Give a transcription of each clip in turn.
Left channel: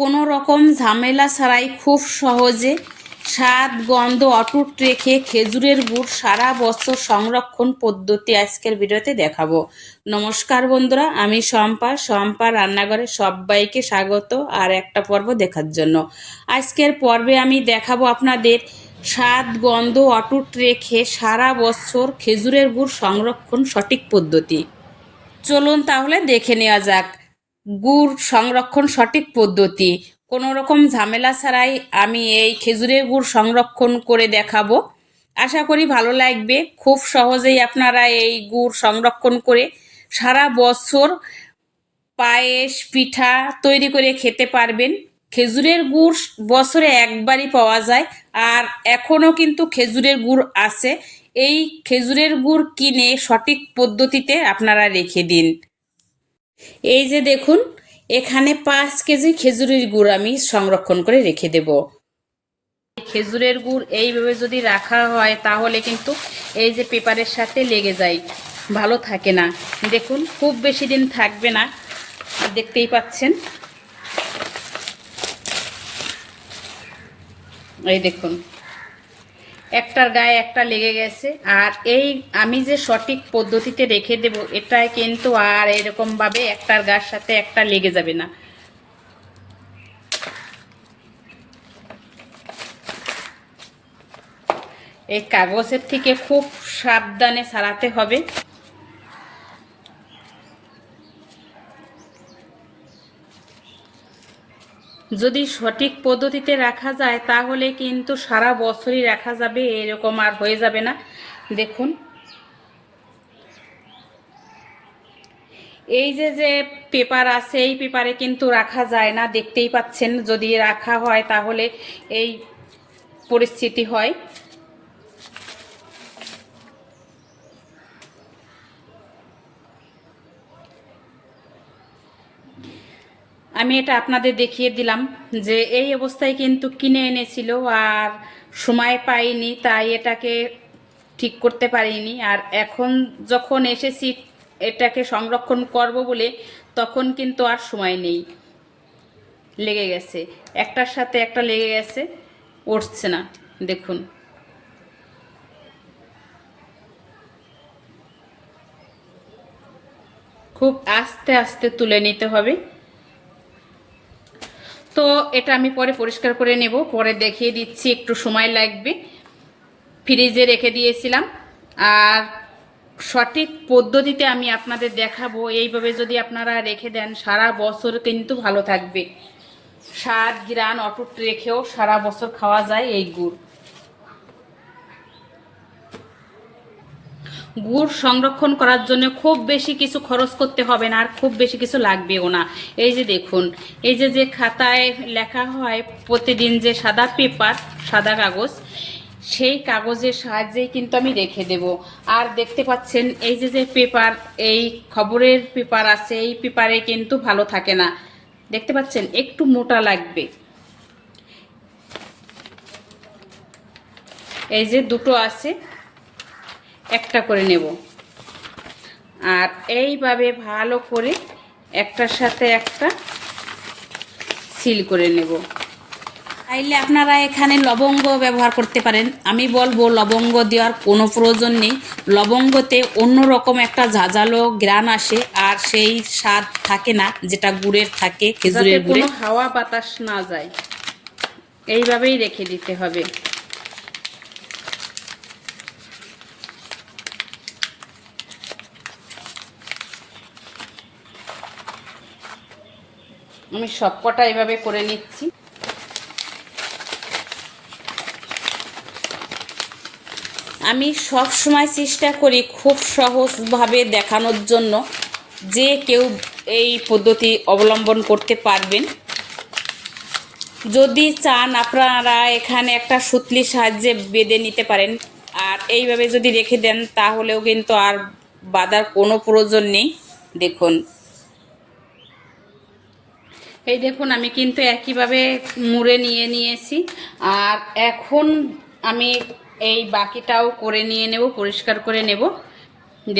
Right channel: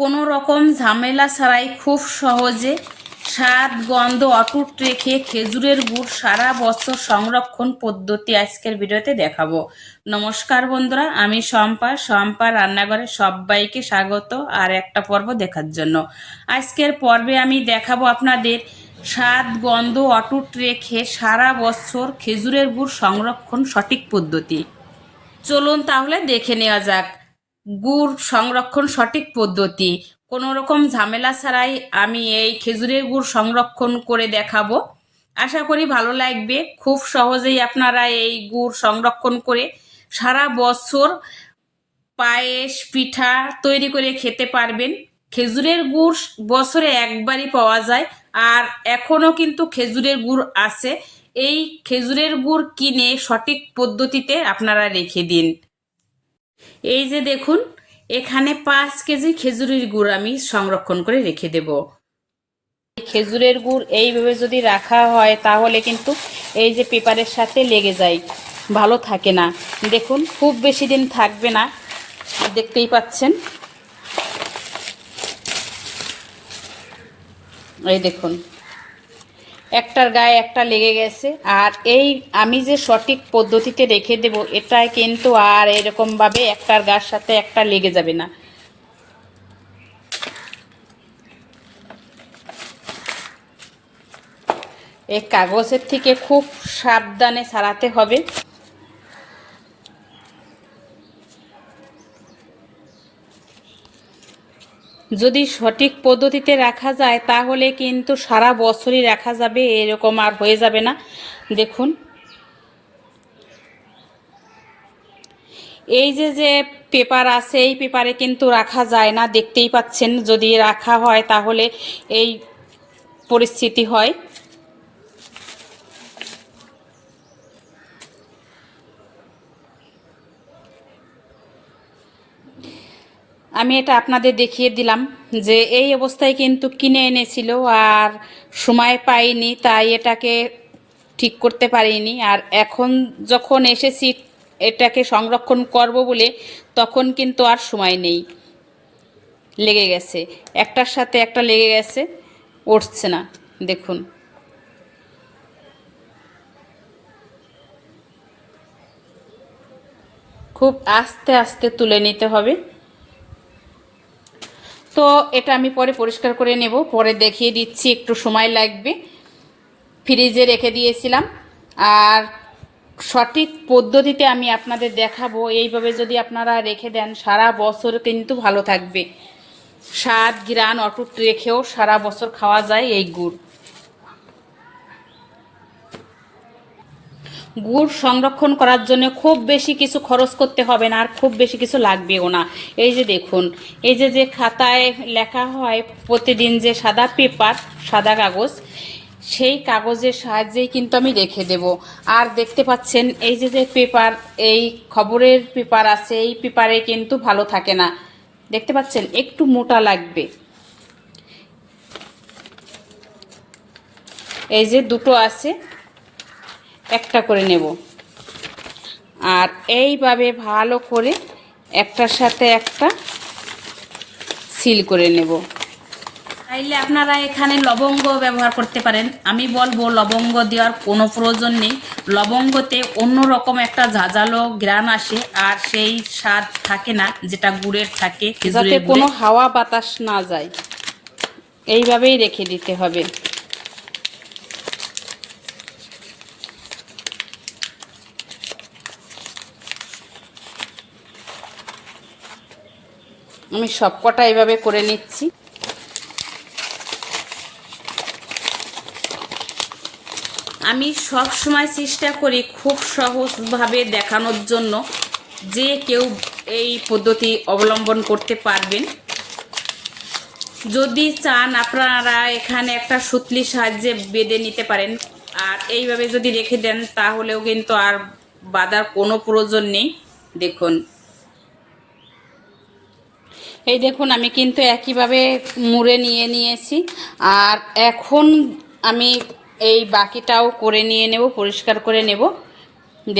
কোনো রকম ঝামেলা ছাড়াই খুব সহজে স্বাদ, গন্ধ অটুট রেখে খেজুরের গুড় সারা বছর সংরক্ষণ পদ্ধতি আজকের ভিডিওতে দেখাবো। নমস্কার বন্ধুরা, আমি শম্পা। শম্পা রান্নাঘরে সবাইকে স্বাগত আর একটা পর্ব দেখার জন্য। আজকের পর্বে আমি দেখাবো আপনাদের স্বাদ, গন্ধ অটুট রেখে সারা বছর খেজুরের গুড় সংরক্ষণ সঠিক পদ্ধতি। চলুন তাহলে দেখে নেওয়া যাক। গুড় সংরক্ষণ সঠিক পদ্ধতি। কোনো রকম ঝামেলা ছাড়াই আমি এই খেজুরের গুড় সংরক্ষণ করে দেখাবো। আশা করি ভালো লাগবে। খুব সহজেই আপনারা এই গুড় সংরক্ষণ করে সারা বছর পায়েস, পিঠা তৈরি করে খেতে পারবেন। খেজুরের গুড় বছরে একবারই পাওয়া যায় আর এখনও কিন্তু খেজুরের গুড় আছে। এই খেজুরের গুড় কিনে সঠিক পদ্ধতিতে আপনারা রেখে দিন। এই যে দেখুন, এখানে পাঁচ কেজি খেজুরের গুড় আমি সংরক্ষণ করে রেখে দেব। খেজুরের গুড় এইভাবে যদি রাখা হয়, তাহলে কিন্তু এই যে পেপারের সাথে লেগে যায়, ভালো থাকে না। দেখুন, খুব বেশি দিন থাকবে না, দেখতেই পাচ্ছেন। এই দেখুন একটার গায়ে একটা লেগে গেছে। আর এই আমি যে সঠিক পদ্ধতিতে রেখে দেব, এটাই কিন্তু আর এরকমভাবে একটার গায়ের সাথে একটা লেগে যাবে না। এই কাগজের থেকে খুব সাবধানে সারাতে হবে। যদি সঠিক পদ্ধতিতে রাখা যায়, তাহলে কিন্তু সারা বছরই রাখা যাবে, এরকম আর হয়ে যাবে না। দেখুন। এই যে যে পেপার আছে, এই পেপারে কিন্তু রাখা যায় না, দেখতেই পাচ্ছেন। যদি রাখা হয়, তাহলে এই পরিস্থিতি হয়। আমি এটা আপনাদের দেখিয়ে দিলাম যে এই অবস্থায় কিন্তু কিনে এনেছিল আর সময় পাইনি, তাই এটাকে ঠিক করতে পারিনি। আর এখন যখন এসেছি এটাকে সংরক্ষণ করব বলে, তখন কিন্তু আর সময় নেই। লেগে গেছে। একটার সাথে একটা লেগে গেছে, উঠছে না। দেখুন। খুব আস্তে আস্তে তুলে নিতে হবে। তো এটা আমি পরে পরিষ্কার করে নেব। পরে দেখিয়ে দিচ্ছি, একটু সময় লাগবে। ফ্রিজে রেখে দিয়েছিলাম। আর সঠিক পদ্ধতিতে আমি আপনাদের দেখাবো। এইভাবে যদি আপনারা রেখে দেন, সারা বছর কিন্তু ভালো থাকবে। স্বাদ গ্রান অটুট রেখেও সারা বছর খাওয়া যায় এই গুড়। গুড় সংরক্ষণ করার জন্য খুব বেশি কিছু খরচ করতে হবে না, আর খুব বেশি কিছু লাগবেও না। এই যে দেখুন, এই যে যে খাতায় লেখা হয় প্রতিদিন যে সাদা পেপার, সাদা কাগজ, সেই কাগজের সাহায্যেই কিন্তু আমি রেখে দেব। আর দেখতে পাচ্ছেন, এই যে যে পেপার, এই খবরের পেপার আছে, এই পেপারে কিন্তু ভালো থাকে না। দেখতে পাচ্ছেন, একটু মোটা লাগবে। এই যে দুটো আছে একটা করে নেব। আর এইভাবে ভালো করে একটার সাথে একটা সিল করে নেব। চাইলে আপনারা এখানে লবঙ্গ ব্যবহার করতে পারেন। আমি বলব লবঙ্গ দেওয়ার কোনো প্রয়োজন নেই। লবঙ্গতে অন্যরকম একটা ঝাঁঝালো গ্রান আসে আর সেই স্বাদ থাকে না যেটা গুড়ের থাকে যাতে কোনো হাওয়া বাতাস না যায়। এইভাবেই রেখে দিতে হবে। আমি সবকটা এইভাবে করে নিচ্ছি। আমি সব সময় চেষ্টা করি খুব সহজভাবে দেখানোর জন্য যে কেউ এই পদ্ধতি অবলম্বন করতে পারবেন। যদি চান আপনারা এখানে একটা সুতলির সাহায্যে বেঁধে নিতে পারেন। আর এইভাবে যদি রেখে দেন তাহলেও কিন্তু আর বাঁধার কোনো প্রয়োজন নেই। দেখুন। এই দেখুন, আমি কিন্তু একইভাবে মুড়ে নিয়ে নিয়েছি। আর এখন আমি এই বাকিটাও করে নিয়ে নেব, পরিষ্কার করে নেব।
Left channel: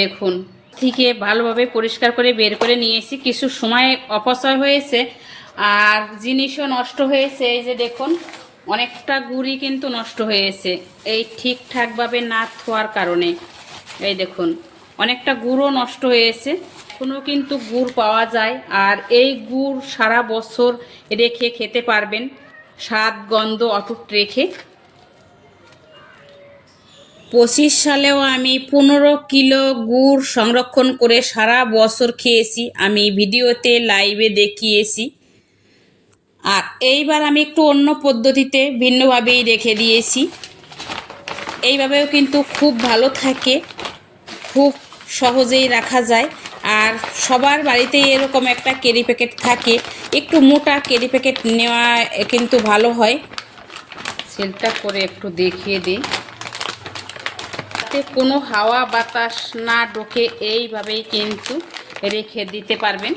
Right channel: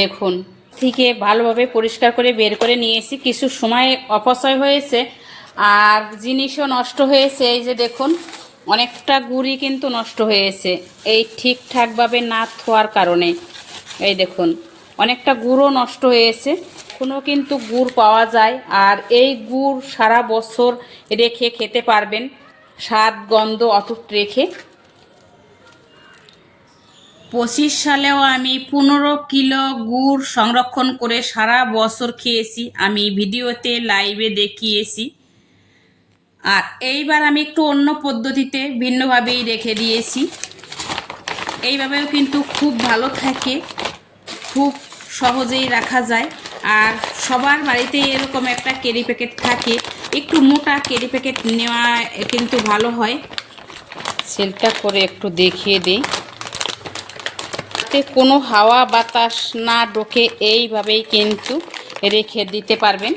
দেখুন, থেকে ভালোভাবে পরিষ্কার করে বের করে নিয়েছি। কিছু সময় অপচয় হয়েছে, আর জিনিসও নষ্ট হয়েছে। এই যে দেখুন, অনেকটা গুড়ি কিন্তু নষ্ট হয়েছে। এই ঠিকঠাকভাবে না থোয়ার কারণে। এই দেখুন, অনেকটা গুড়ও নষ্ট হয়েছে। কোনো কিন্তু গুড় পাওয়া যায় আর এই গুড় সারা বছর রেখে খেতে পারবেন। স্বাদ, গন্ধ অটুট রেখে। পঁচিশ সালেও আমি পনেরো কিলো গুড় সংরক্ষণ করে সারা বছর খেয়েছি। আমি ভিডিওতে, লাইভে দেখিয়েছি। আর এইবার আমি একটু অন্য পদ্ধতিতে ভিন্নভাবেই রেখে দিয়েছি। এইভাবেও কিন্তু খুব ভালো থাকে। খুব সহজেই রাখা যায়। আর সবার বাড়িতে এরকম একটা কেরি প্যাকেট থাকে। একটু মোটা কেরি প্যাকেট নেওয়া কিন্তু ভালো হয়। সেলটা করে একটু দেখিয়ে দিই। যাতে কোনো হাওয়া বাতাস না ঢোকে এইভাবেই কিন্তু রেখে দিতে পারবেন।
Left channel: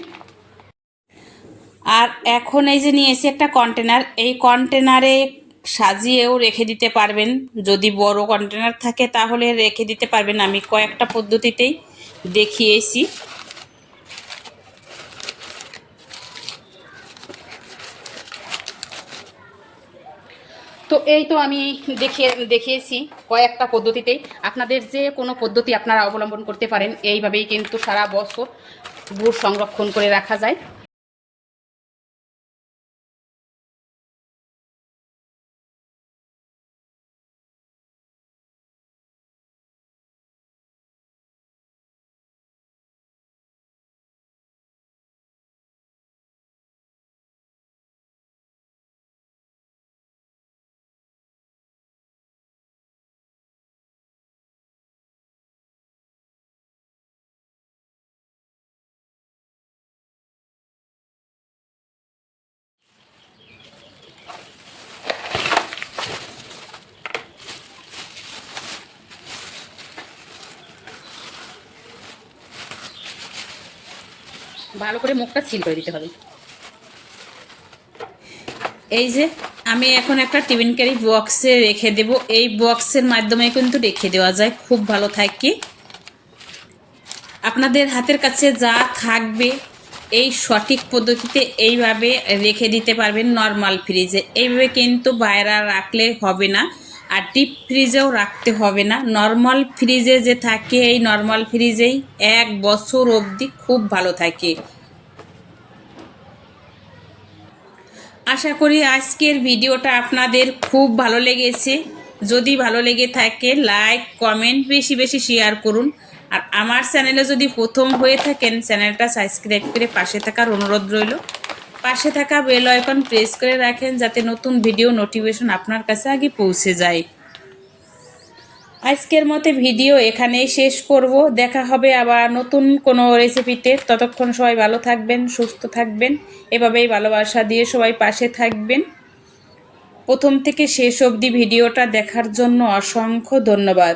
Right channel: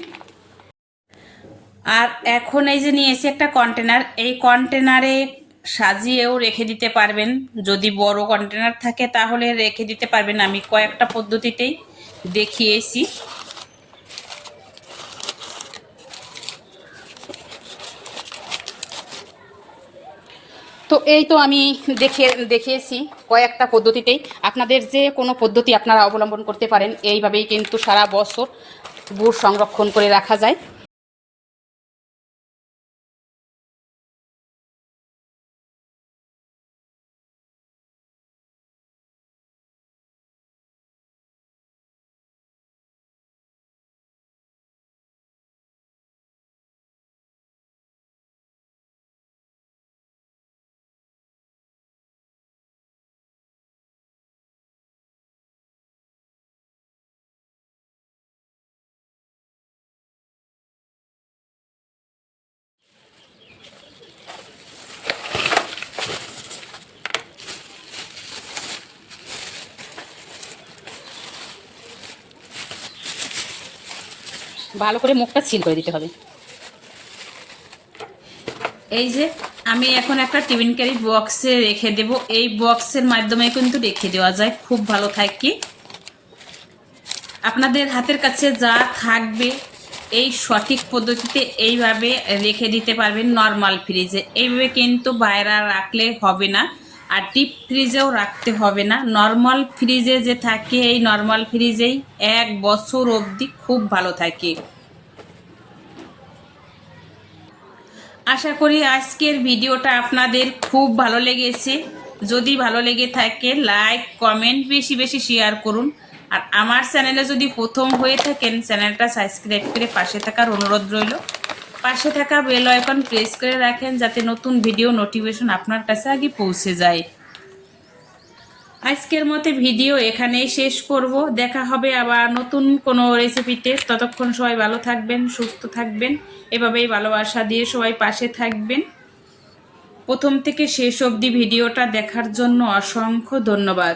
আর এখন এই যে নিয়েছি একটা কন্টেনার এই কন্টেনারে সাজিয়েও রেখে দিতে পারবেন। যদি বড় কন্টেনার থাকে তাহলে রেখে দিতে পারবেন। আমি কয়েকটা পদ্ধতিতেই দেখিয়েছি। তো এই তো আমি দেখে, দেখিয়েছি কয়েকটা পদ্ধতিতেই। আপনাদের যে কোনো পদ্ধতি আপনারা অবলম্বন করতে পারেন, এইভাবেই কিন্তু সারা বছর গুড় সংরক্ষণ করে রাখা যায়। ভালো করে মুখটা সিল করে দিতে হবে। এই যে আমি এখন একটা টিফিন ক্যারি বক্সে রেখে দেব। এই বক্সের মাধ্যমে কিন্তু রেখে দেওয়া যায়। খুব ভালো থাকে আপনাদের হাতের কাছে যা থাকবে এই সঠিক পদ্ধতিতে এইভাবে রেখে দিতে পারবেন নর্মাল ফ্রিজে এইভাবে কিন্তু বাইরে রাখলে হবে না। আর ডিপ ফ্রিজেও রাখতে হবে না। নর্মাল ফ্রিজে যে থাকে, এই নর্মাল ফ্রিজেই এক বছর অবধি খুব ভালো থাকে। আশা করি আজকের ভিডিওটা আপনাদের খুব ভালো লেগেছে। যদি ভালো লেগে থাকে লাইক কমেন্ট বেশি বেশি শেয়ার করুন। আর আমার চ্যানেলে যদি প্রথম হয়ে থাকেন চ্যানেলটা সাবস্ক্রাইব করে পাশে থাকার অনুরোধ রইল। পাশে থাকা বেল আইকন প্রেস করে রাখেন যাতে নতুন ভিডিও নোটিফিকেশন আপনার কাছে আগে পৌঁছে যায়। আজকের মতে ভিডিও এখানেই শেষ করব। দেখা হবে আবার নতুন কোনো রেসিপিতে ততক্ষণ সবাই ভালো থাকবেন, সুস্থ থাকবেন। এভাবেই ভালোবাসা দিয়ে সবাই পাশে থাকবেন। প্রথম থেকে শেষ অবধি ভিডিওটা দেখার জন্য অসংখ্য ধন্যবাদ।